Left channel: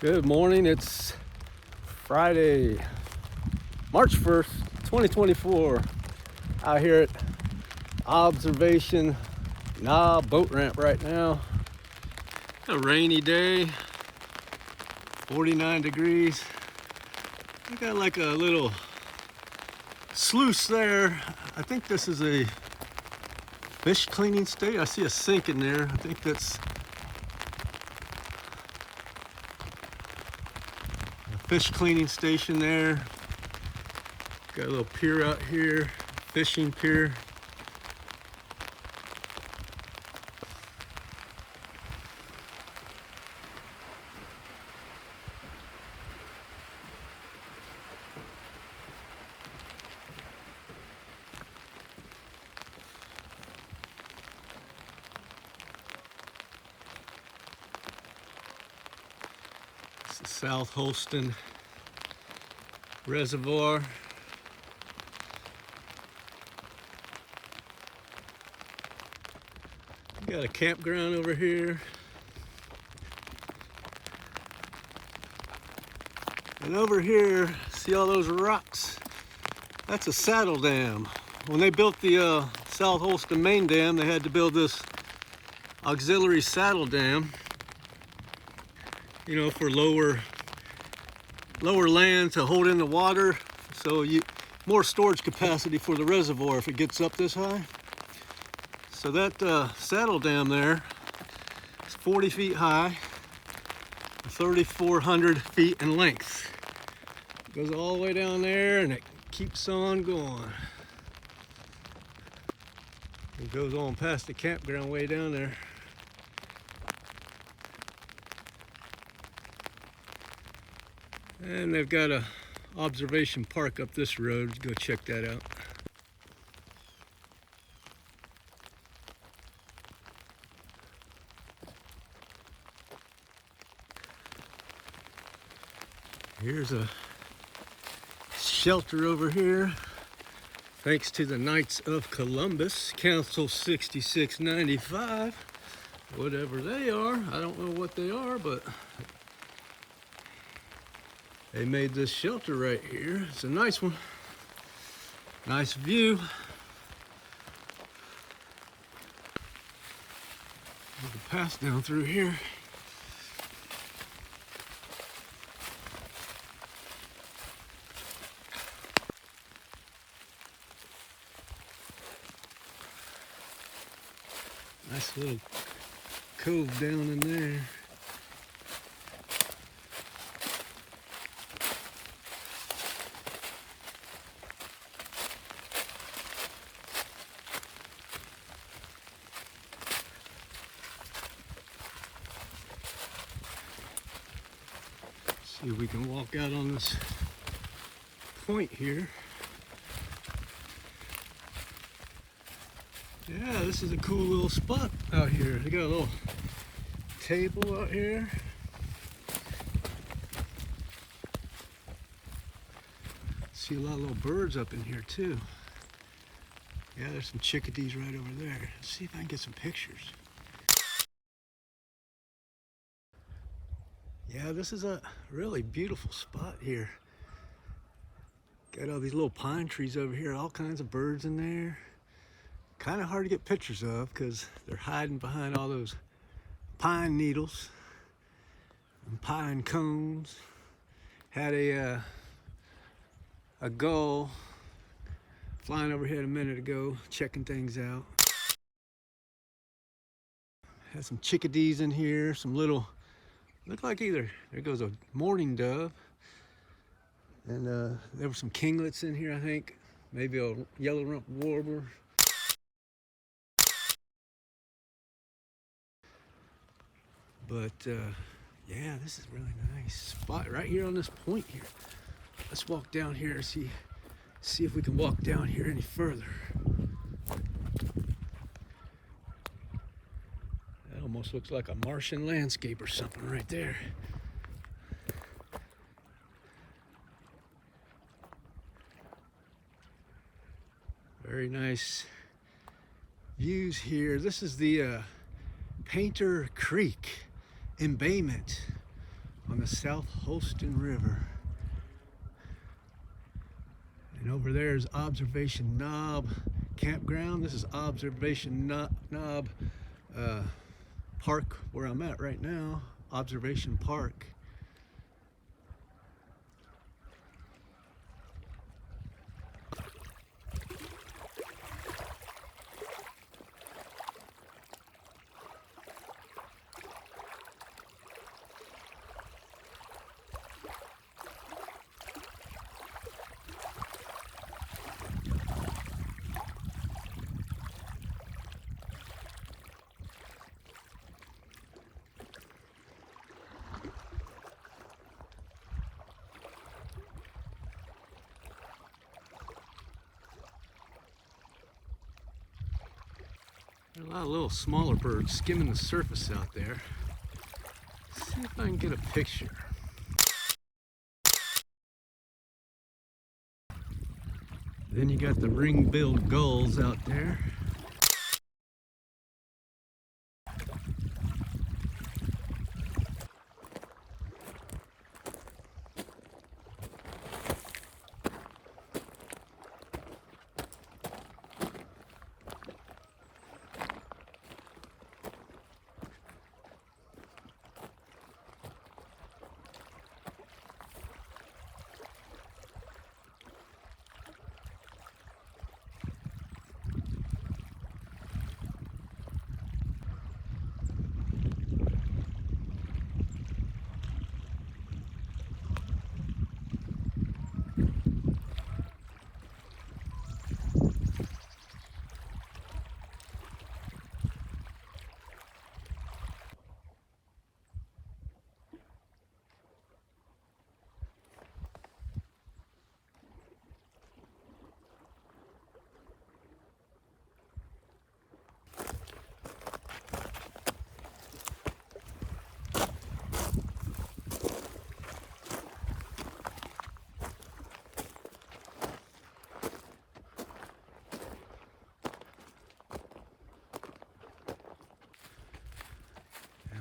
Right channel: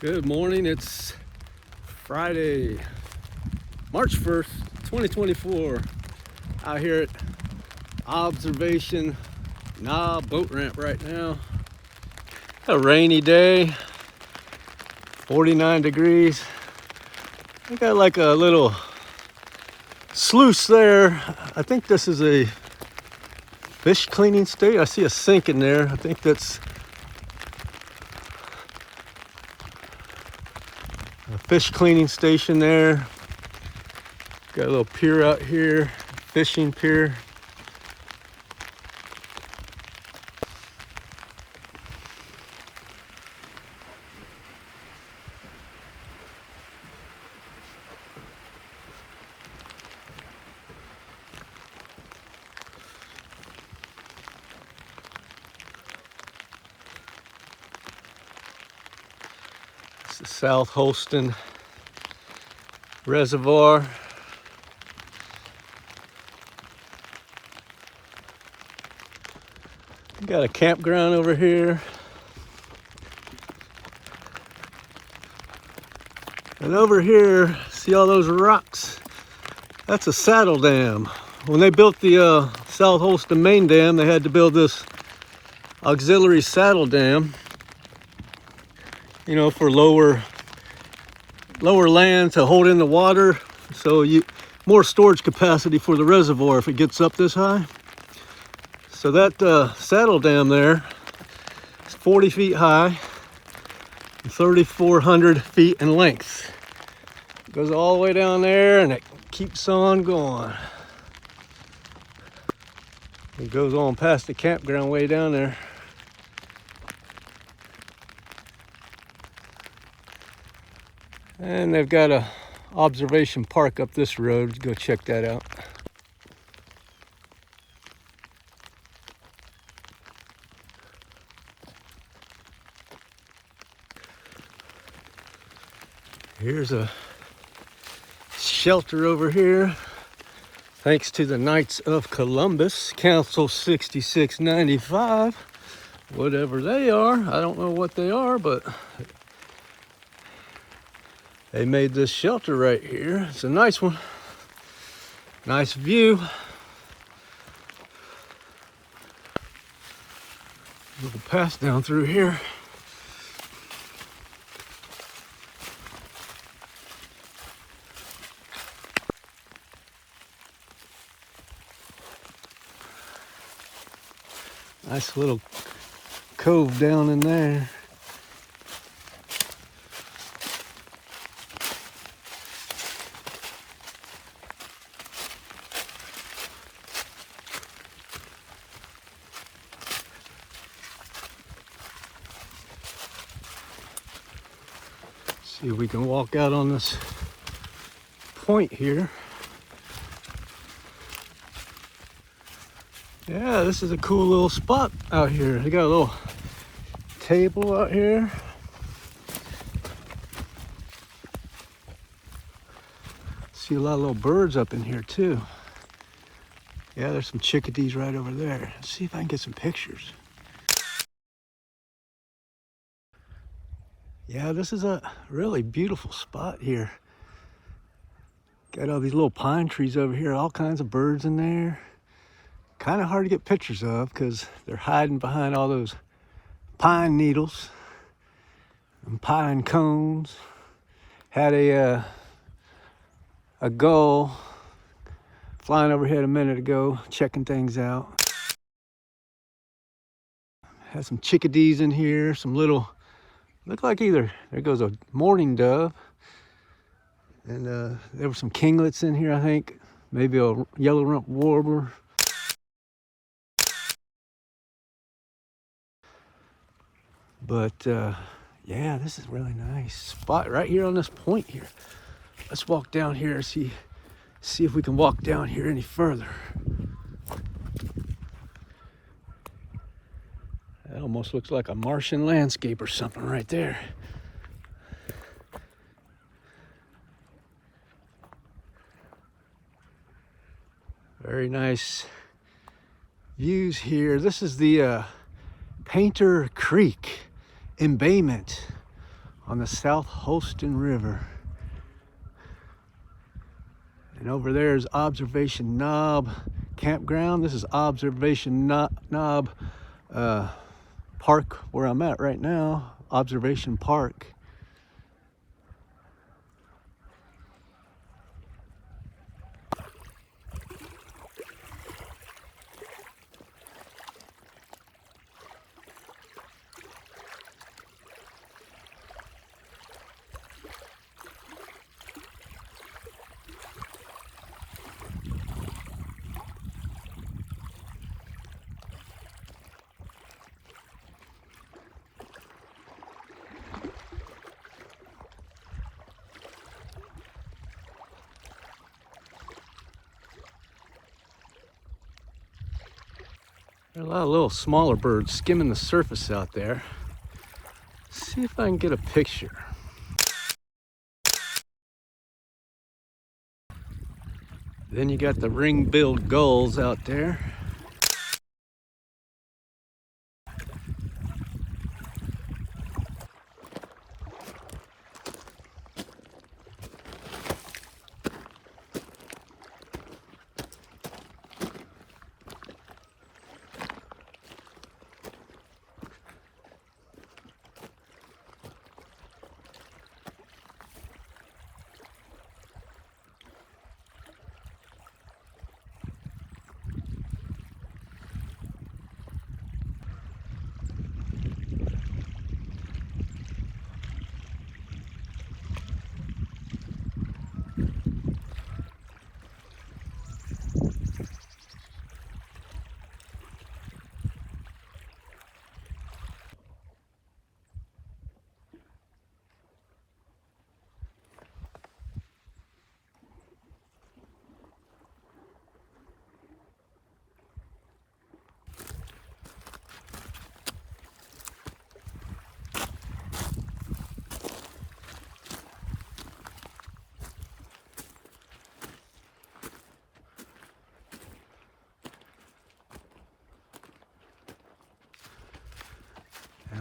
Good morning. It's Friday, March 1st, 2024. Out here at Observation boat ramp right now. A rainy day, 49 degrees. I got like a little sluice there. I think this is a fish cleaning station. I see a sink in there. I think that's a fish cleaning station there. Got a little pier out here, fishing pier. It's the South Holston Reservoir. Got a campground over here. And over here, see all those rocks? That's a saddle dam. When they built the South Holston main dam, they had to build this auxiliary saddle dam, you know, for lower land to hold in the water. So more storage capacity for the reservoir if it gets up this high. So that saddle dam there is 40 feet high, 3,400 feet in length. It goes all the way down there and it keeps on going. It goes on past the campground way down there. And they've got a observation park up this road. Let's go check that out. Here's a shelter over here, thanks to the Knights of Columbus, Council 6695, whatever they are. I don't know what they are, but they made this shelter right here. It's a nice one. Nice view. We can pass down through here. Nice little cove down in there. See if we can walk out on this point here. Yeah, this is a cool little spot out here. They got a little table out here. See a lot of little birds up in here too. Yeah, there's some chickadees right over there. Let's see if I can get some pictures. Yeah, this is a really beautiful spot here. Got all these little pine trees over here, all kinds of birds in there. Kind of hard to get pictures of because they're hiding behind all those pine needles and pine cones. Had a gull flying overhead a minute ago, checking things out. Had some chickadees in here, some little, look like either, there goes a mourning dove. And there were some kinglets in here, I think. Maybe a yellow-rumped warbler. But yeah, this is really nice spot right here on this point here. Let's walk down here and see if we can walk down here any further. That almost looks like a Martian landscape or something right there. Very nice views here. This is the Painter Creek embayment on the South Holston River. And over there is Observation Knob Campground. This is Observation Knob Park, where I'm at right now. Observation Park. There are a lot of little smaller birds skimming the surface out there. Let's see if I can get a picture. Then you got the ring-billed gulls out there.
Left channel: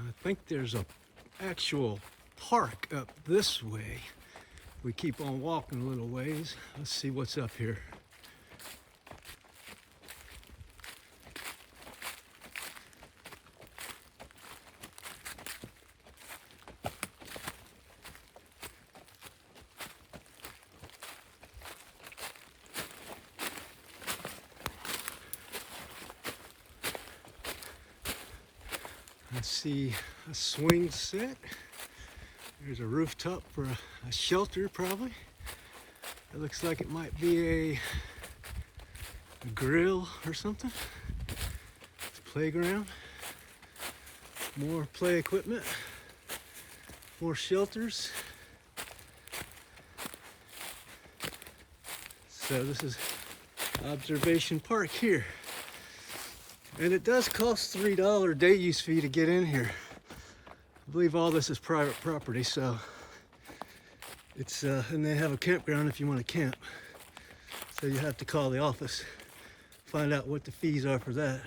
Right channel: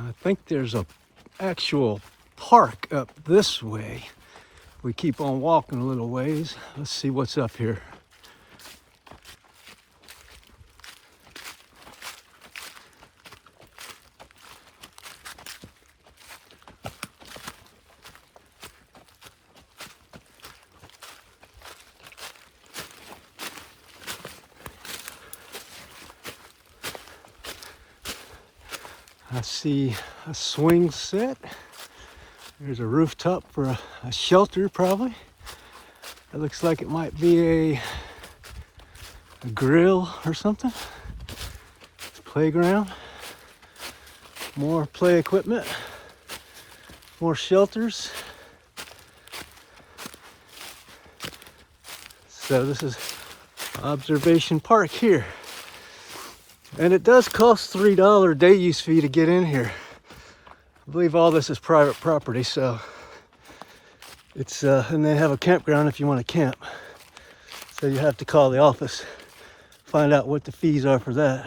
I think there's a actual park up this way. We keep on walking a little ways. Let's see what's up here. I see a swing set. There's a rooftop for a shelter, probably. It looks like it might be a grill or something. It's a playground. More play equipment. More shelters. So this is Observation Park here. And it does cost $3 day use fee to get in here. I believe all this is private property, so it's and they have a campground if you want to camp. So you have to call the office, find out what the fees are for that.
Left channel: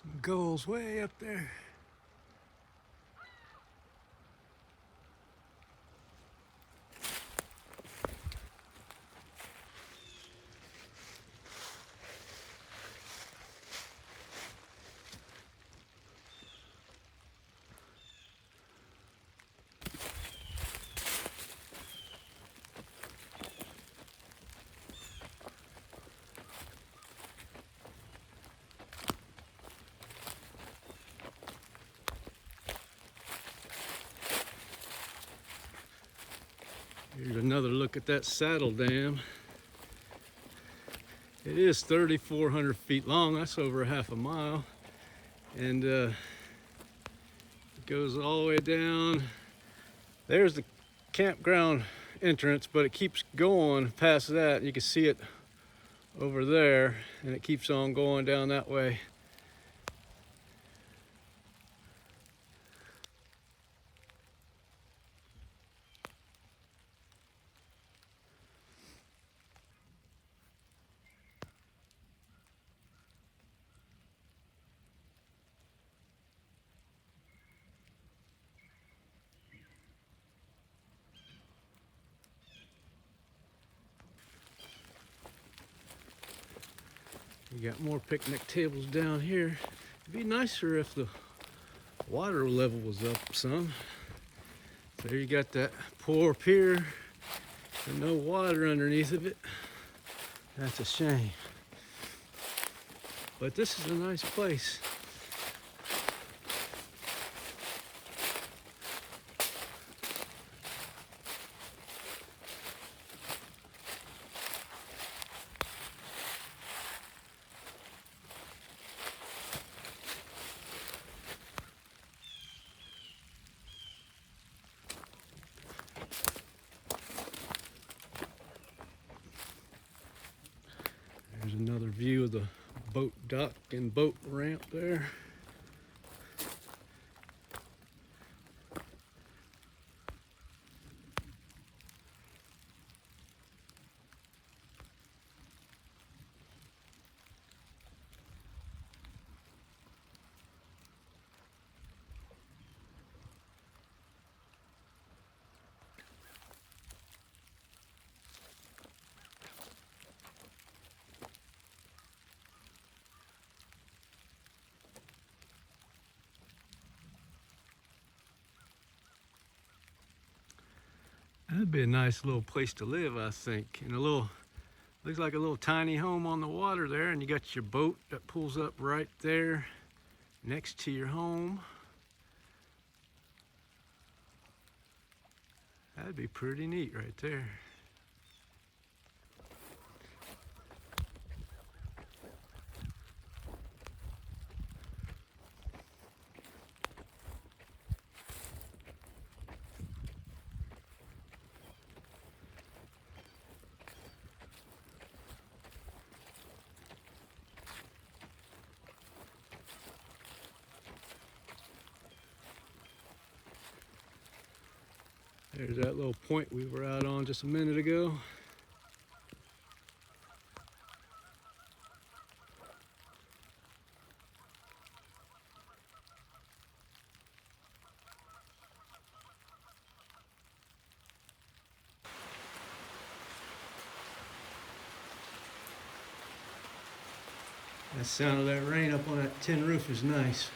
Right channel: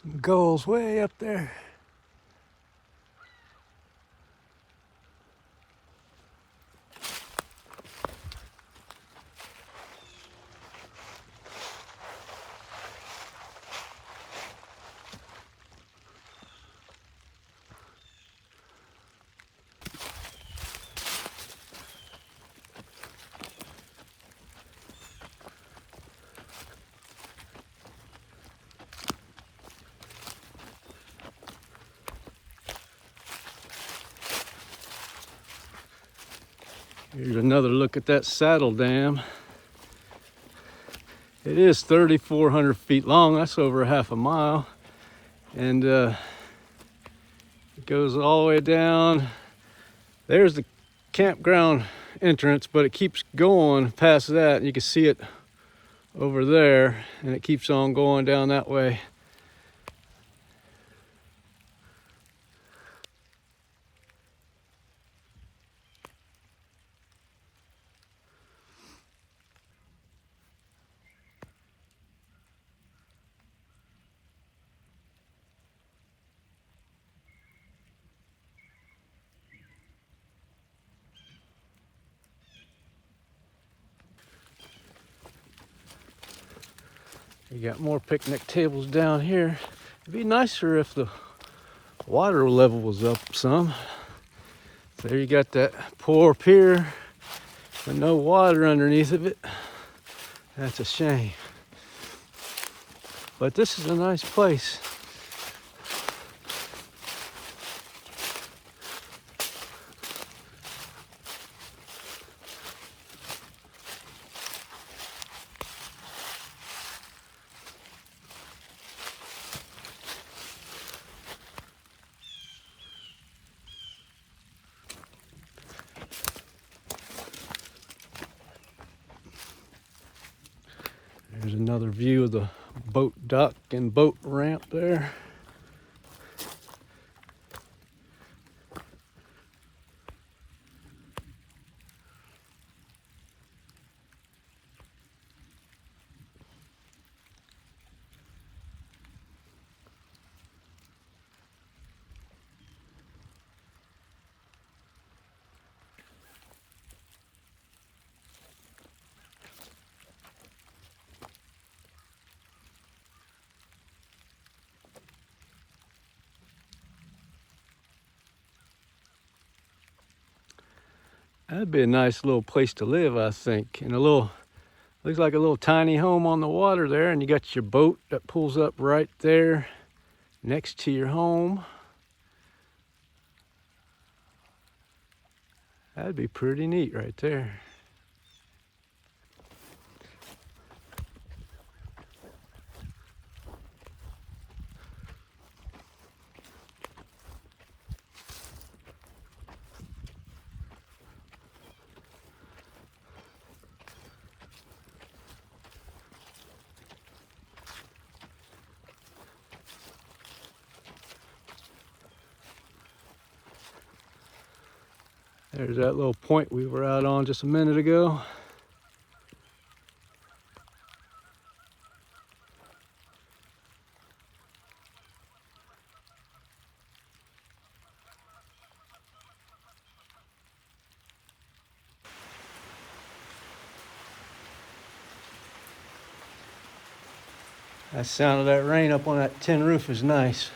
Some gulls way up there. Here's another look at that saddle dam. It is 3,400 feet long. That's over half a mile. And it goes all the way down. There's the campground entrance, but it keeps going past that. You can see it over there, and it keeps on going down that way. You got more picnic tables down here. It'd be nicer if the water level was up some. There you got that poor pier with no water underneath of it. That's a shame. But this is a nice place. There's another view of the boat dock and boat ramp there. That'd be a nice little place to live, I think. In a little, looks like a little tiny home on the water there, and you got your boat that pulls up right there next to your home. That'd be pretty neat right there. There's that little point we were out on just a minute ago. That sound of that rain up on that tin roof is nice.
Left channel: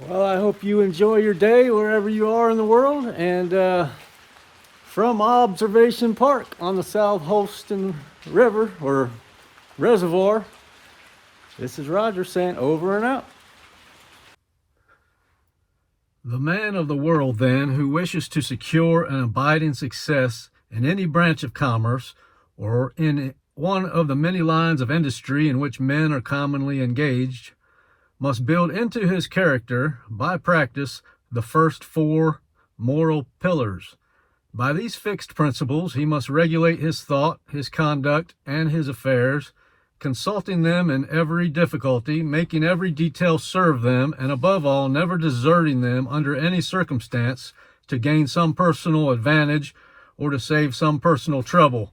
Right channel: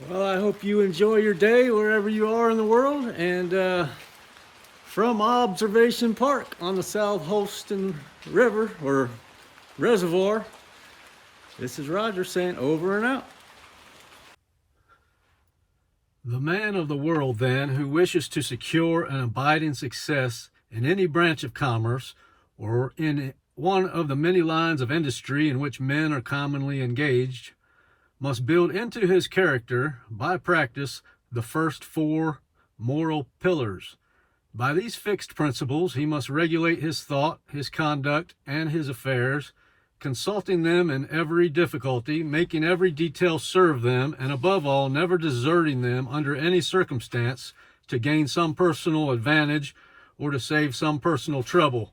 Well, I hope you enjoy your day wherever you are in the world. And from Observation Park on the South Holston River or Reservoir, this is Roger saying over and out. The man of the world, then, who wishes to secure an abiding success in any branch of commerce or in one of the many lines of industry in which men are commonly engaged, must build into his character, by practice, the first four moral pillars. By these fixed principles, he must regulate his thought, his conduct, and his affairs, consulting them in every difficulty, making every detail serve them, and above all, never deserting them under any circumstance to gain some personal advantage or to save some personal trouble.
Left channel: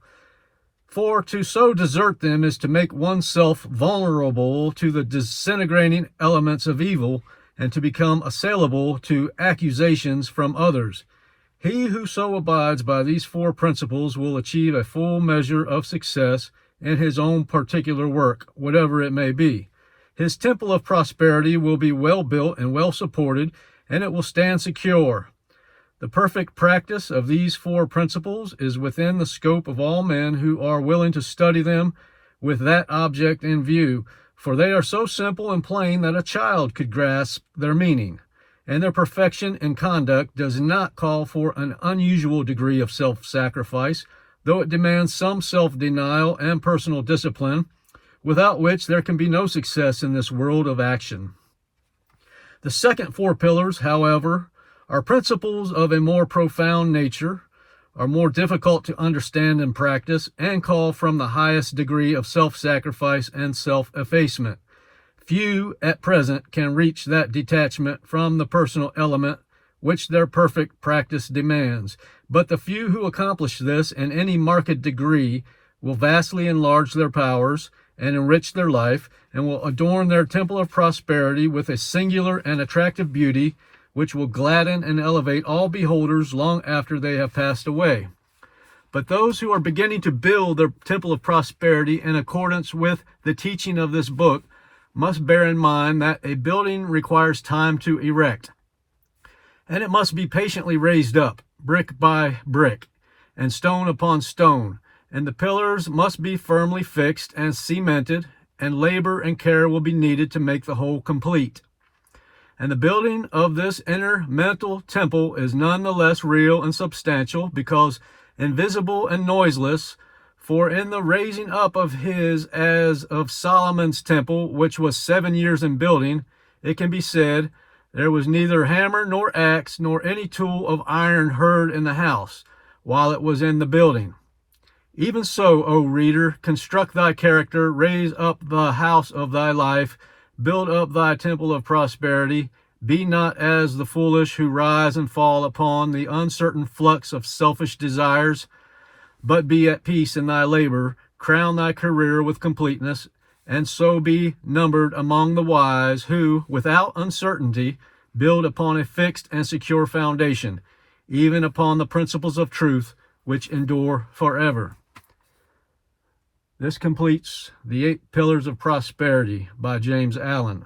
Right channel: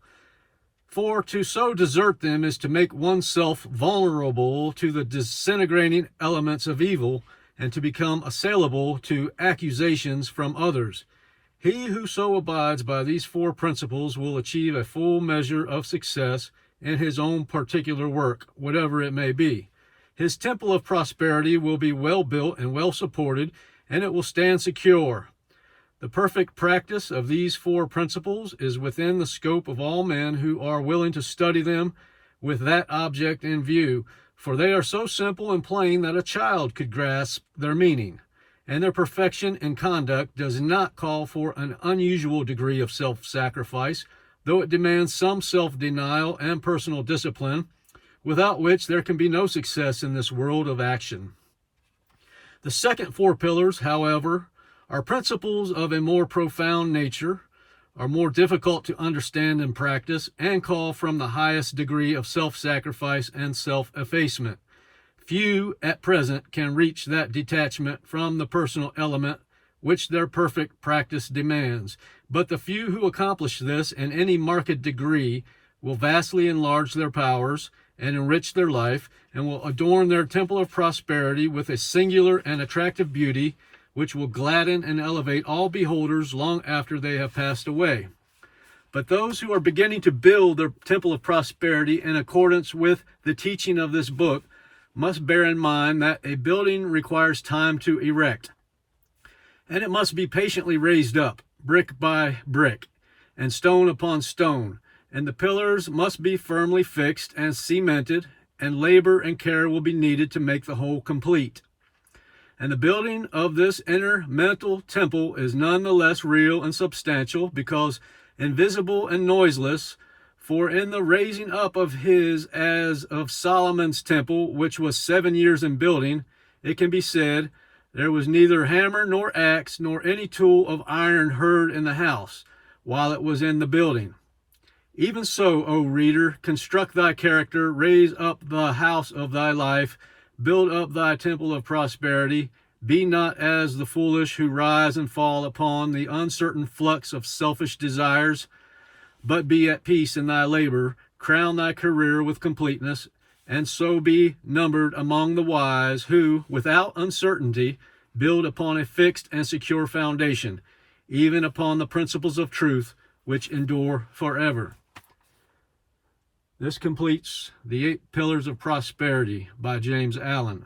For to so desert them is to make oneself vulnerable to the disintegrating elements of evil and to become assailable to accusations from others. He who so abides by these four principles will achieve a full measure of success in his own particular work, whatever it may be. his temple of prosperity will be well built and well supported, and it will stand secure. The perfect practice of these four principles is within the scope of all men who are willing to study them with that object in view, for they are so simple and plain that a child could grasp their meaning, and their perfection in conduct does not call for an unusual degree of self-sacrifice, though it demands some self-denial and personal discipline, without which there can be no success in this world of action. The second four pillars, however, are principles of a more profound nature, are more difficult to understand and practice, and call from the highest degree of self-sacrifice and self-effacement. Few at present can reach that detachment from the personal element which their perfect practice demands, but the few who accomplish this in any marked degree will vastly enlarge their powers and enrich their life, and will adorn their temple of prosperity with a singular and attractive beauty which will gladden and elevate all beholders long after they have passed away. But those who are beginning to build their temple of prosperity in accordance with the teaching of this book must bear in mind that a building requires time to erect, and it must be patiently raised up, brick by brick, and stone upon stone, and the pillars must be firmly fixed and cemented, and labor and care will be needed to make the whole complete. And the building of this inner mental temple is none the less real and substantial because invisible and noiseless, for in the raising up of his as of Solomon's temple, which was 7 years in building, it can be said, there was neither hammer nor axe nor any tool of iron heard in the house, while it was in the building. Even so, O reader, construct thy character, raise up the house of thy life, build up thy temple of prosperity. Be not as the foolish who rise and fall upon the uncertain flux of selfish desires, but be at peace in thy labor, crown thy career with completeness, and so be numbered among the wise who, without uncertainty, build upon a fixed and secure foundation, even upon the principles of truth which endure forever. This completes the 8 Pillars of Prosperity by James Allen.